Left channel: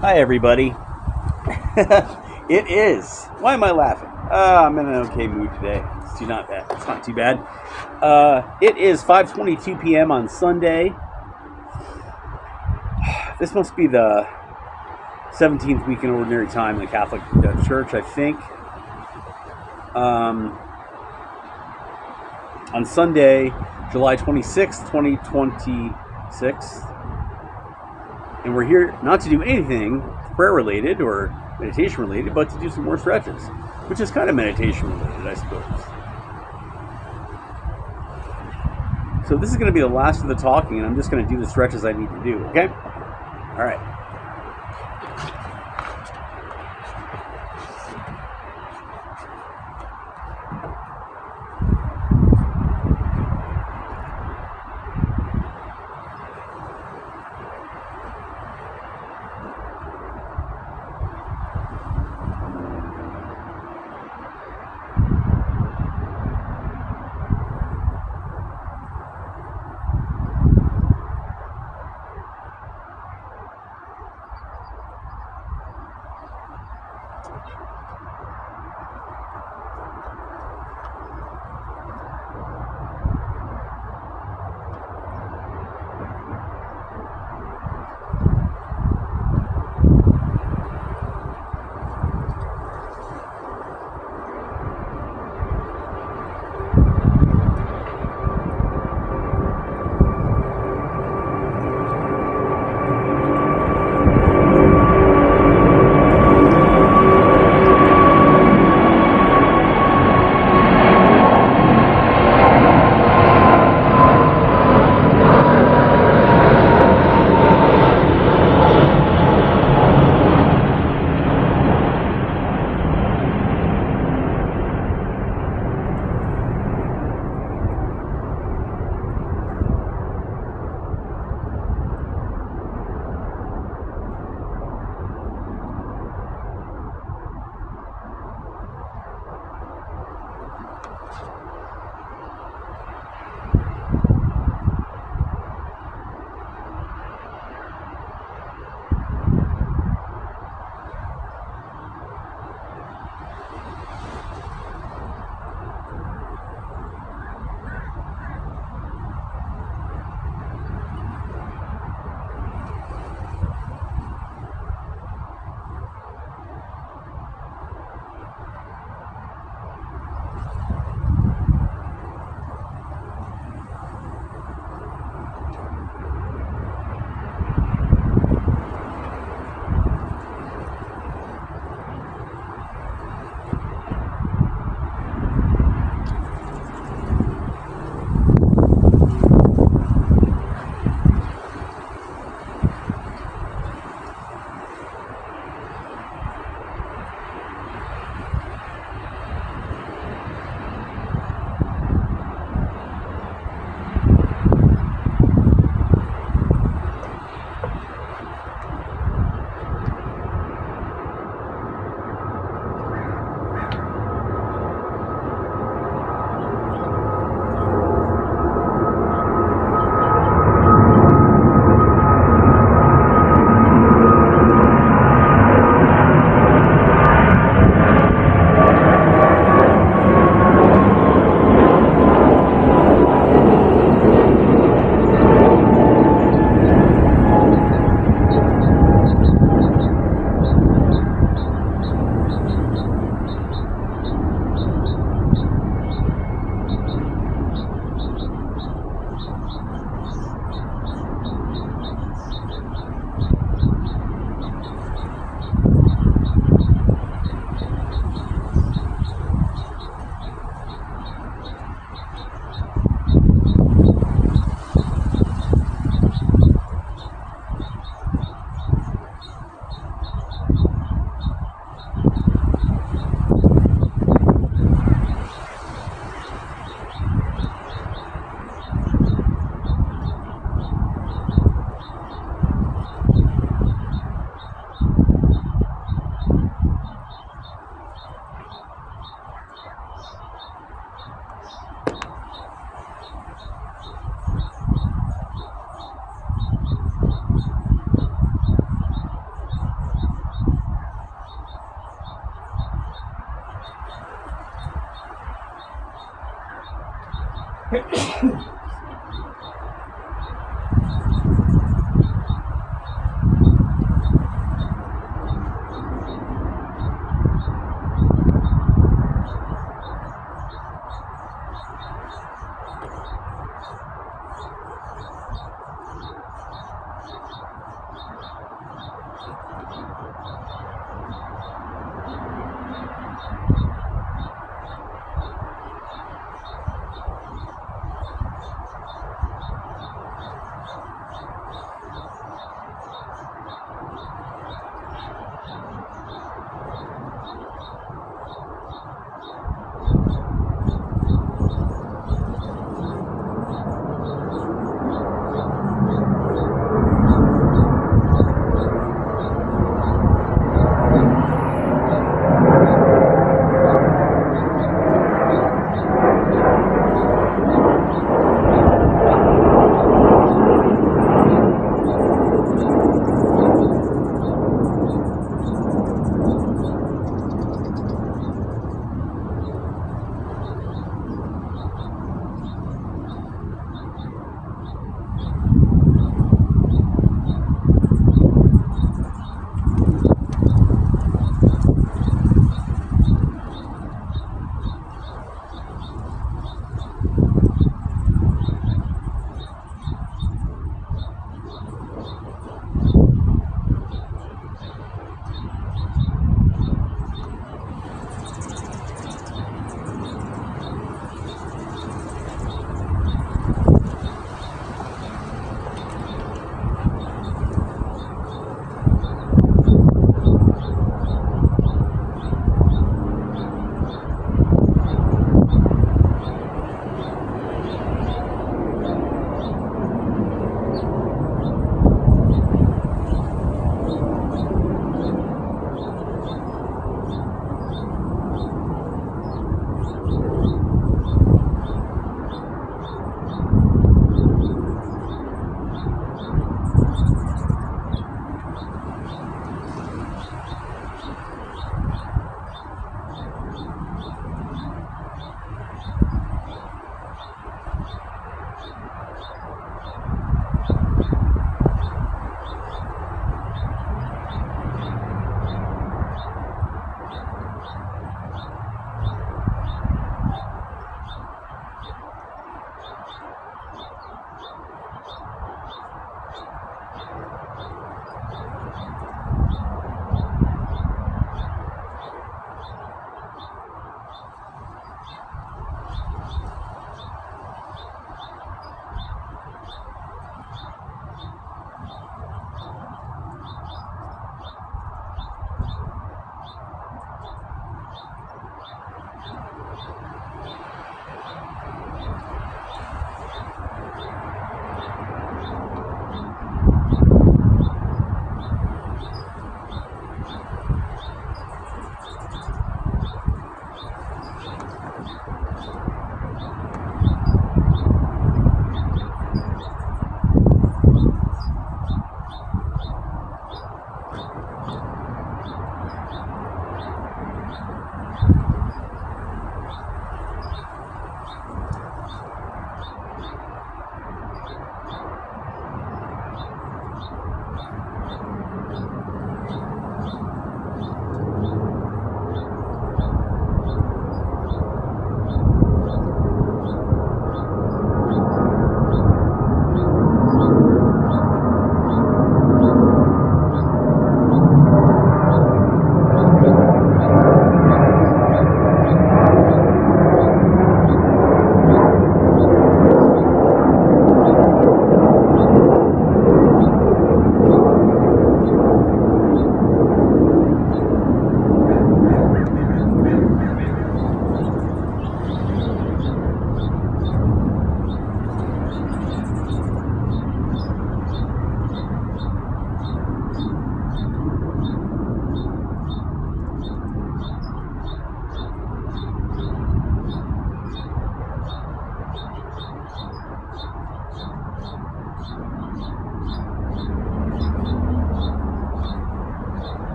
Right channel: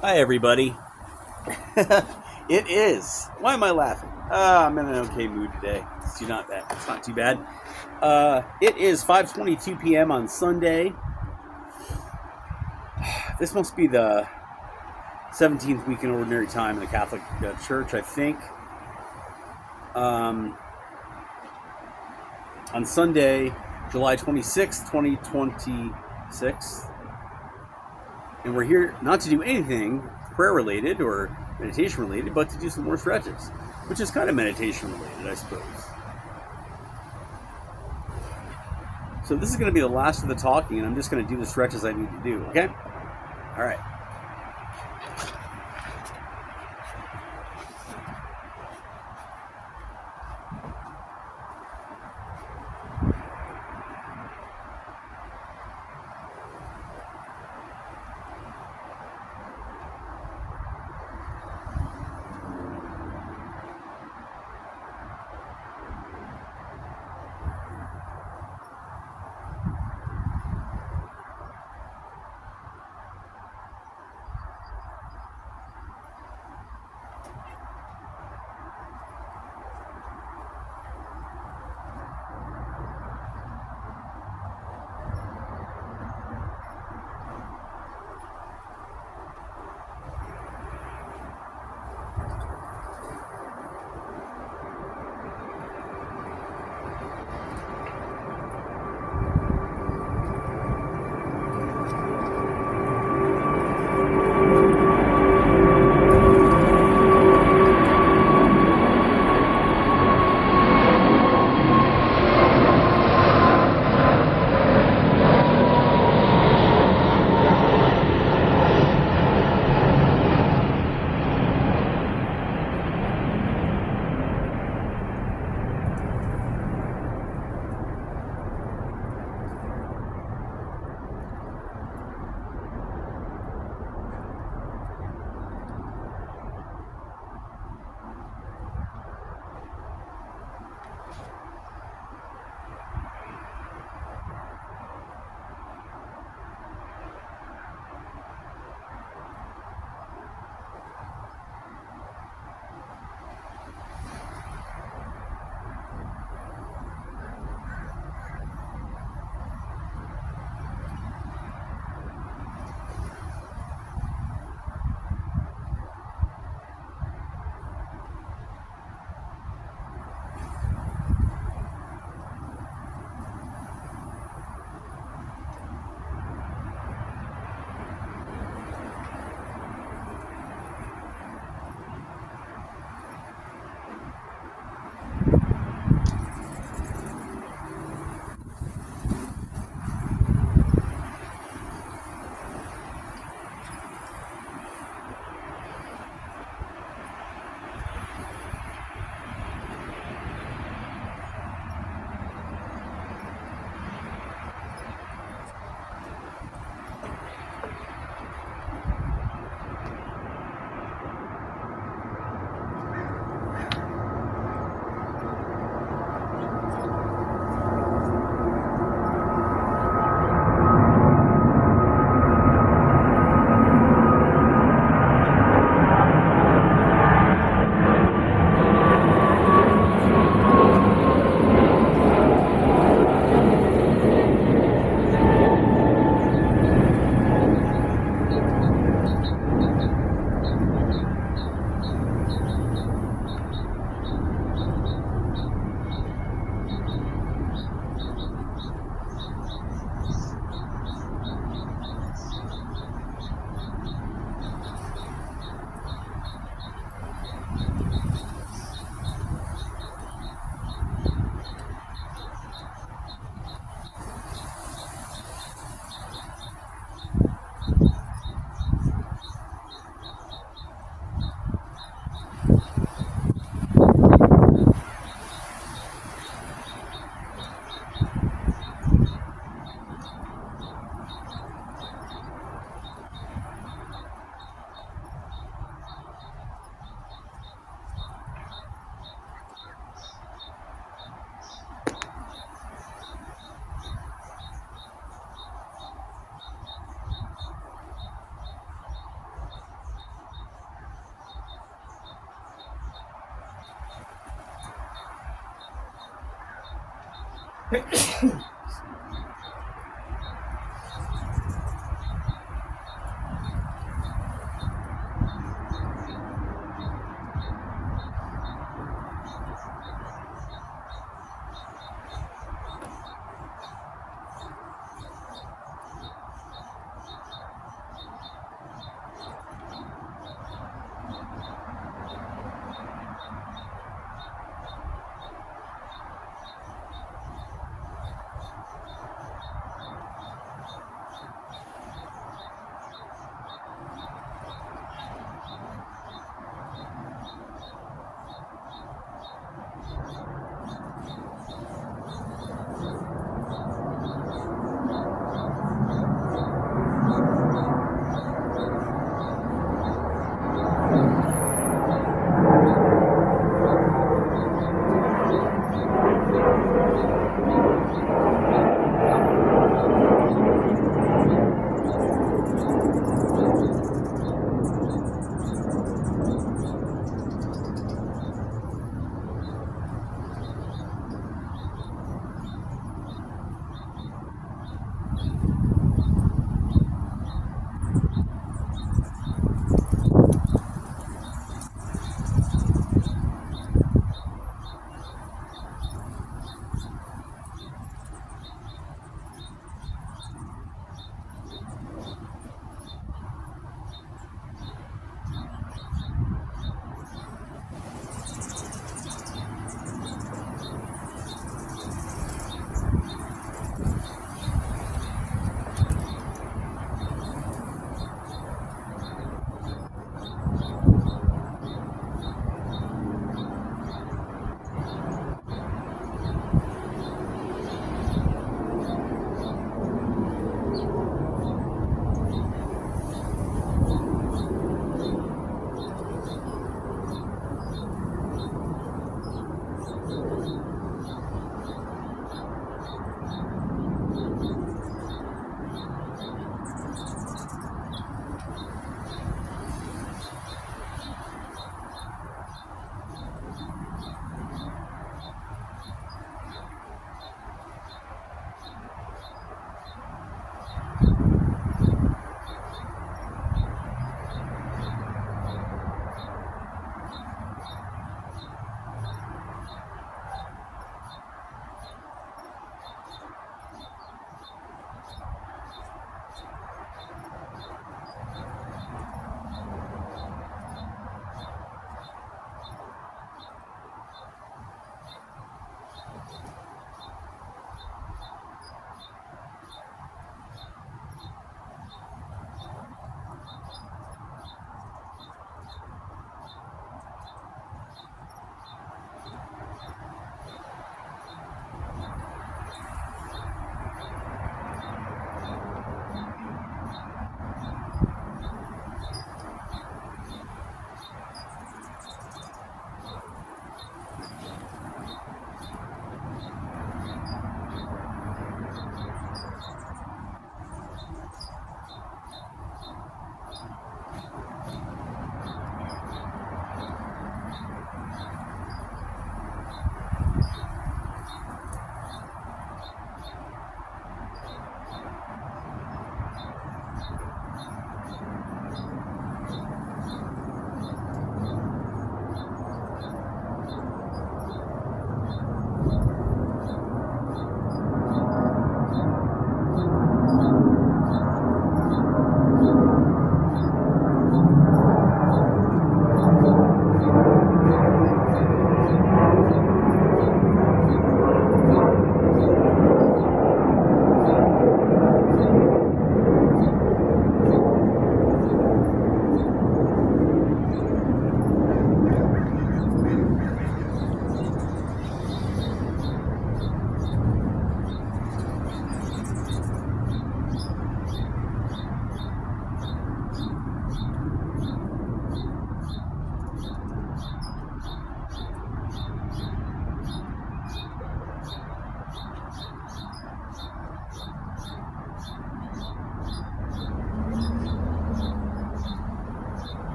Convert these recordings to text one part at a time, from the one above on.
Hi, everybody. It is. Why am I laughing? I'm in an okay mood today. It's not bad. It's not too bad. It is 5:22 p.m. on Sunday. This must be the 17th week in Ordinary Time in the Catholic Church, I think. Um, on Sunday, July 26th, 2026. And we're here not to do anything prayer related or meditation related, but to do some more stretches, which is kind of meditation related, I suppose. So this is going to be the last of the talking, and I'm just going to do the stretches I need to do, okay? All right.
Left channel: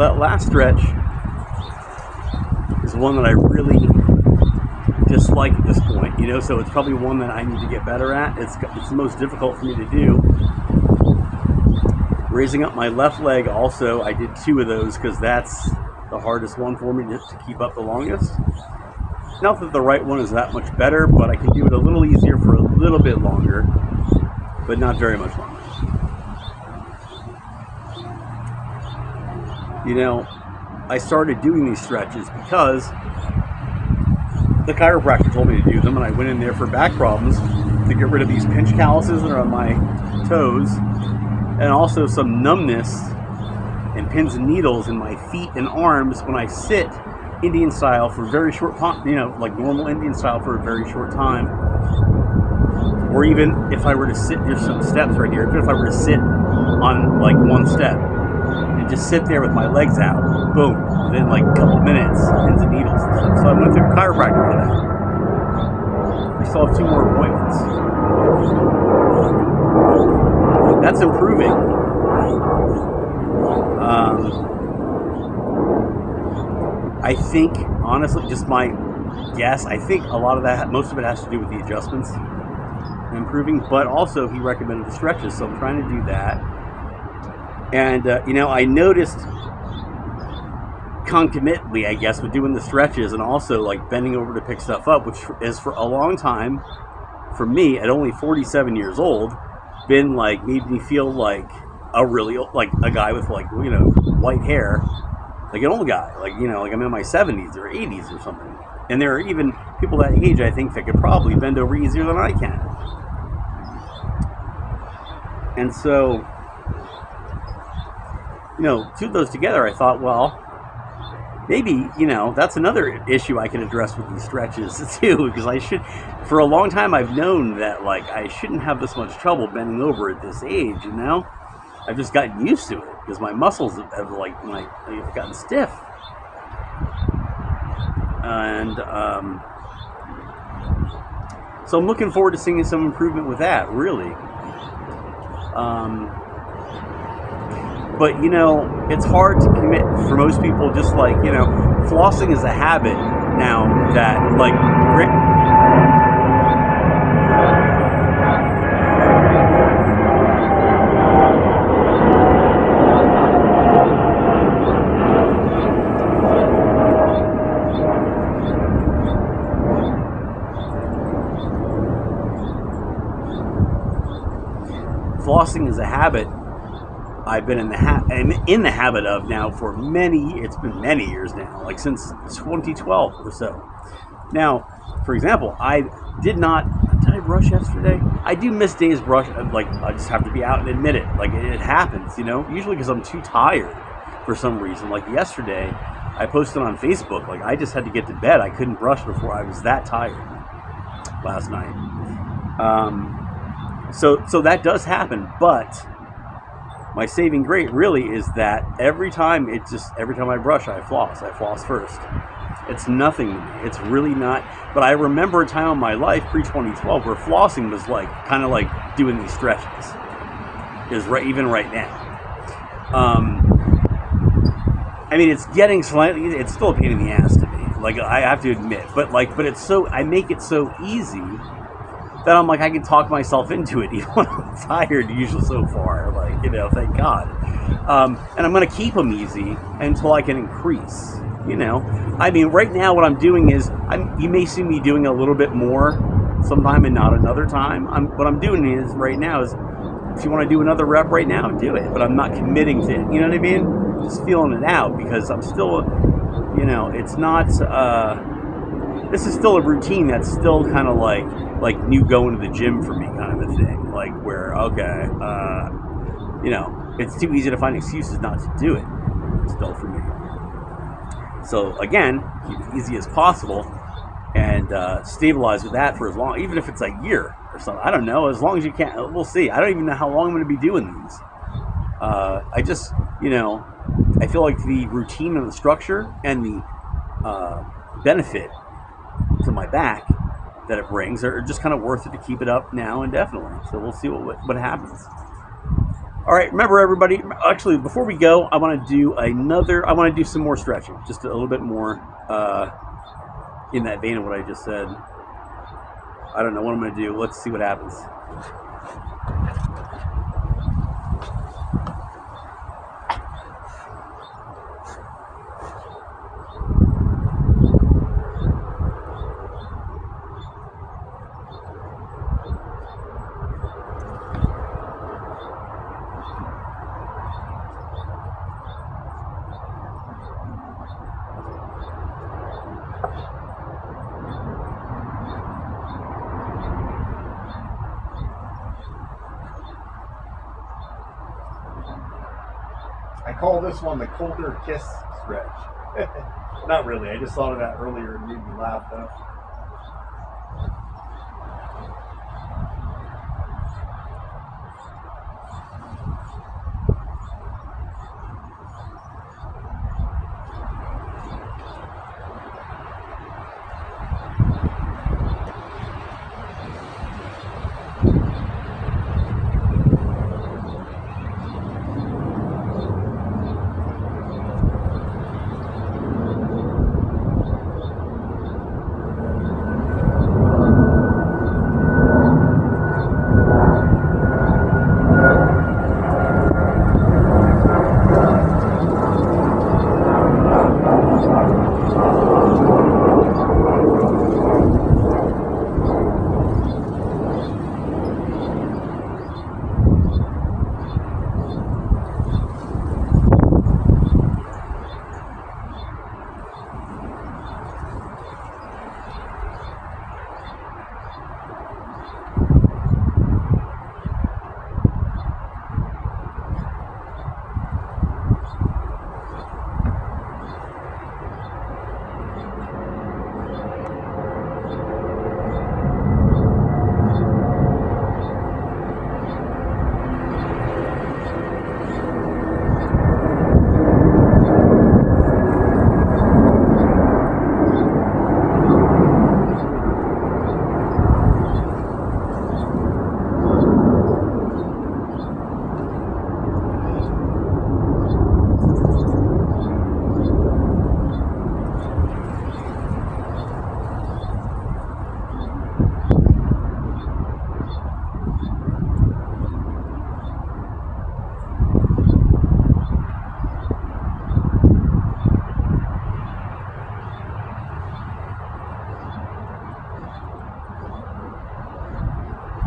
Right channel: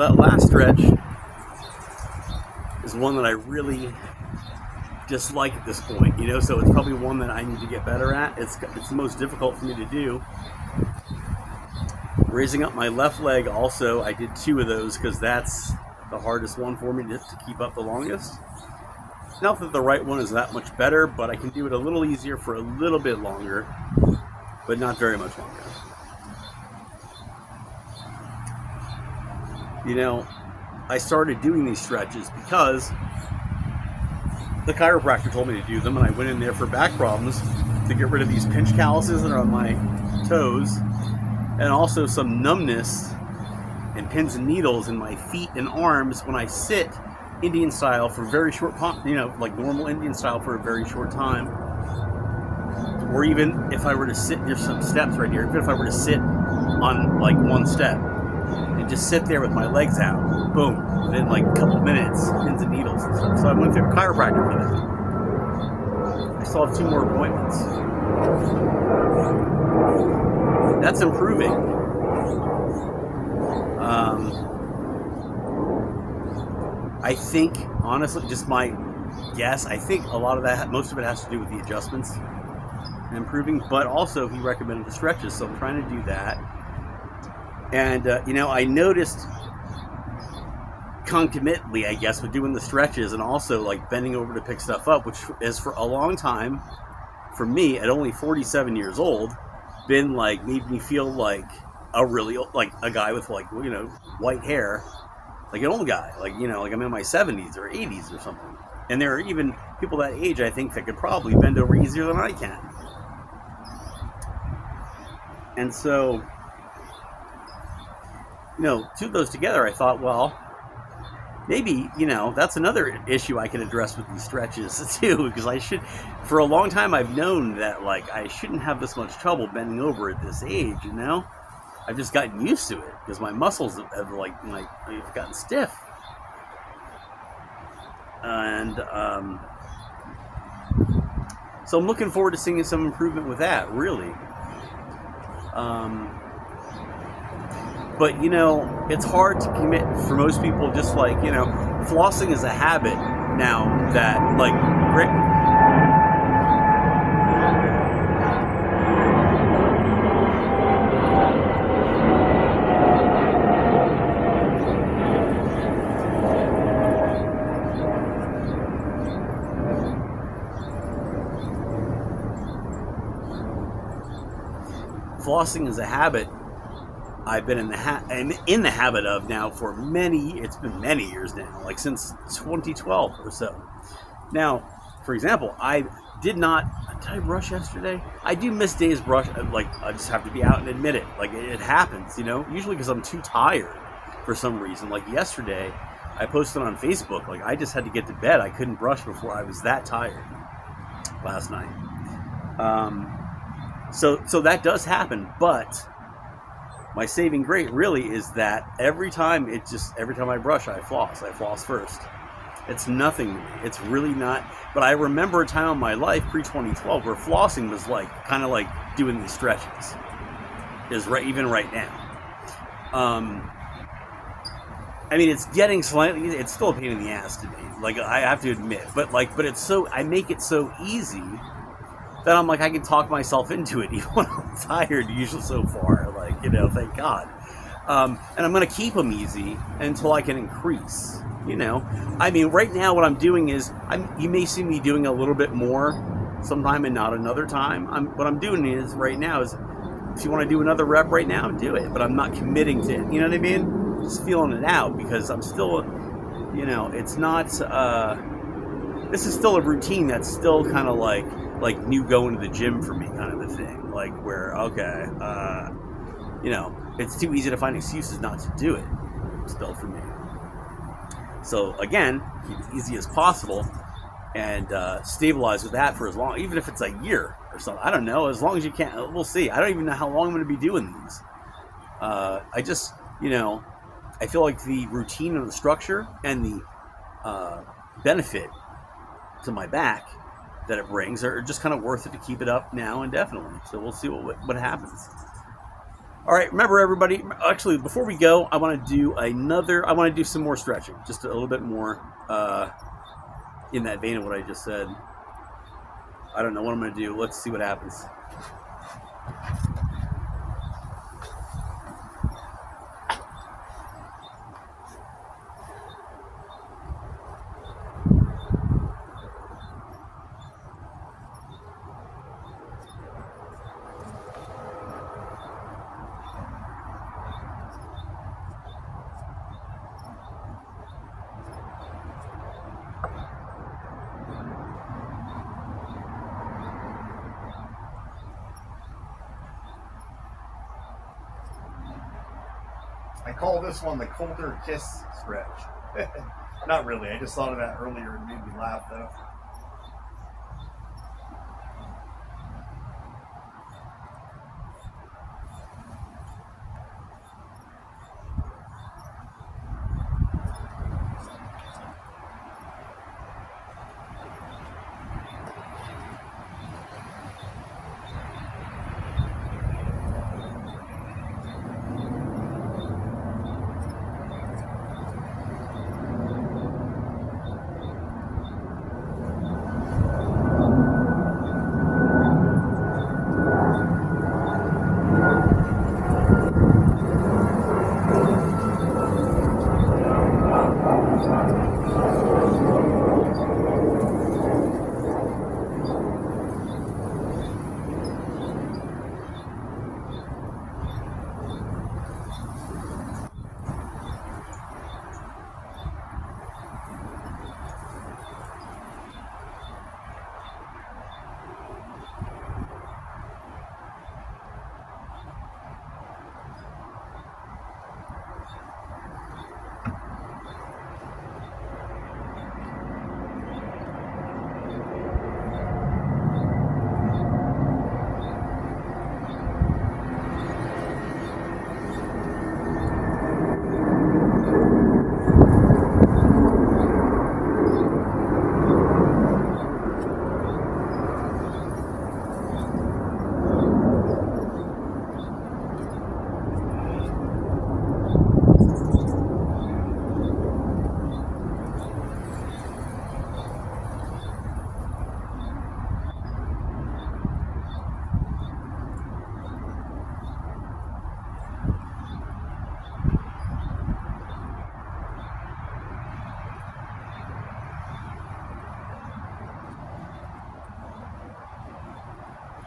that last stretch is one that I really dislike at this point, so it's probably one that I need to get better at. It's the most difficult for me to do. Raising up my left leg also, I did 2 of those because that's the hardest one for me to keep up the longest. Not that the right one is that much better, but I can do it a little easier for a little bit longer, but not very much longer. I started doing these stretches because the chiropractor told me to do them, and I went in there for back problems to get rid of these pinch calluses that are on my toes, and also some numbness and pins and needles in my feet and arms when I sit Indian style for very short time, like normal Indian style for a very short time. Or even if I were to sit, there's some steps right here, even if I were to sit on like one step and just sit there with my legs out, boom, within like a couple minutes, pins and needles. So I went to a chiropractor for that. I still have 2 more appointments. That's improving. I think, honestly, just my guess, I think a lot of that, most of it has to do with the adjustments improving, but also he recommended the stretches, so I'm trying to do that. And, I noticed concomitantly, I guess, with doing the stretches and also like bending over to pick stuff up, which is for a long time, for me, at only 47 years old, been like, made me feel like a really, like a guy with like, white hair, like an old guy, like, like I'm in my 70s or 80s or something. And there are even people that age, I think, that could probably bend over easier than I can. And so, 2 of those together, I thought, well, maybe, that's another issue I can address with these stretches too, because for a long time I've known that like I shouldn't have this much trouble bending over at this age, I've just gotten used to it because my muscles have they've gotten stiff. And so I'm looking forward to seeing some improvement with that, really. But, it's hard to commit for most people, just like, flossing is a habit now that, like, flossing is a habit I've been in the habit of now for it's been many years now, like since 2012 or so. Now, for example, did I brush yesterday? I do miss days brush, like I just have to be out and admit it. Like it happens, usually because I'm too tired for some reason. Like yesterday, I posted on Facebook, like I just had to get to bed. I couldn't brush before I was that tired last night. So that does happen, but my saving grace really is that every time I brush, I floss first. It's nothing to me. It's really not. But I remember a time in my life, pre-2012, where flossing was like, kind of like doing these stretches. Even right now. I mean, it's getting it's still a pain in the ass to me. Like, I have to admit. But it's I make it so easy that I'm like, I can talk myself into it even when I'm tired, usually so far. Thank God. And I'm going to keep them easy until I can increase, I mean, right now what I'm doing is, you may see me doing a little bit more sometime and not another time. What I'm doing is, right now is, if you want to do another rep right now, do it. But I'm not committing to it, you know what I mean? Just feeling it out, because I'm still, it's not, this is still a routine that's still kind of like new going to the gym for me kind of a thing. Like where, okay, it's too easy to find excuses not to do it, still for me. So again, keep it easy as possible and stabilize with that for as long, even if it's a year or something. I don't know, as long as you can. We'll see. I don't even know how long I'm going to be doing these. I just, I feel like the routine and the structure and the benefit to my back that it brings are just kind of worth it to keep it up now indefinitely. So we'll see what happens. All right, remember everybody, actually before we go, I want to do some more stretching, just a little bit more in that vein of what I just said. I don't know what I'm going to do. Let's see what happens. I call this one the colder kiss stretch. Not really. I just thought of that earlier and made me laugh though.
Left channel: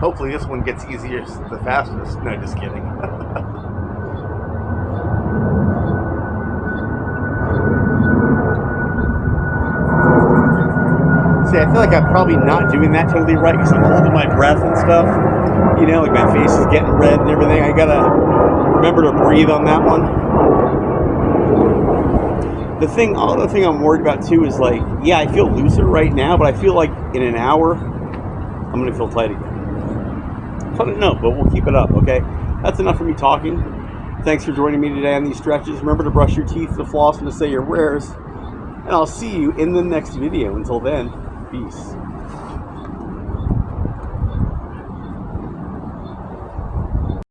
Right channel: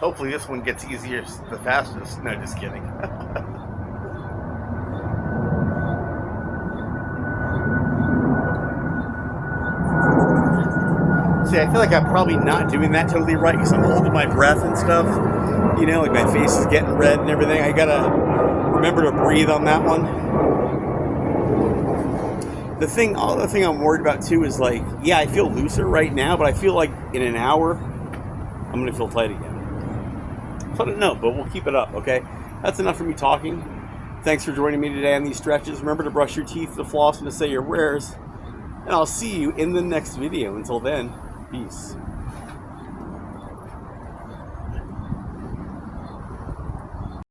Hopefully this one gets easier the fastest. No, just kidding. See, I feel like I'm probably not doing that totally right because I'm holding my breath and stuff. You know, like my face is getting red and everything. I gotta remember to breathe on that one. Other thing I'm worried about too is like, yeah, I feel looser right now, but I feel like in an hour, I'm gonna feel tight again. I don't know, but we'll keep it up, okay? That's enough for me talking. Thanks for joining me today on these stretches. Remember to brush your teeth, to floss, and to say your prayers. And I'll see you in the next video. Until then, peace.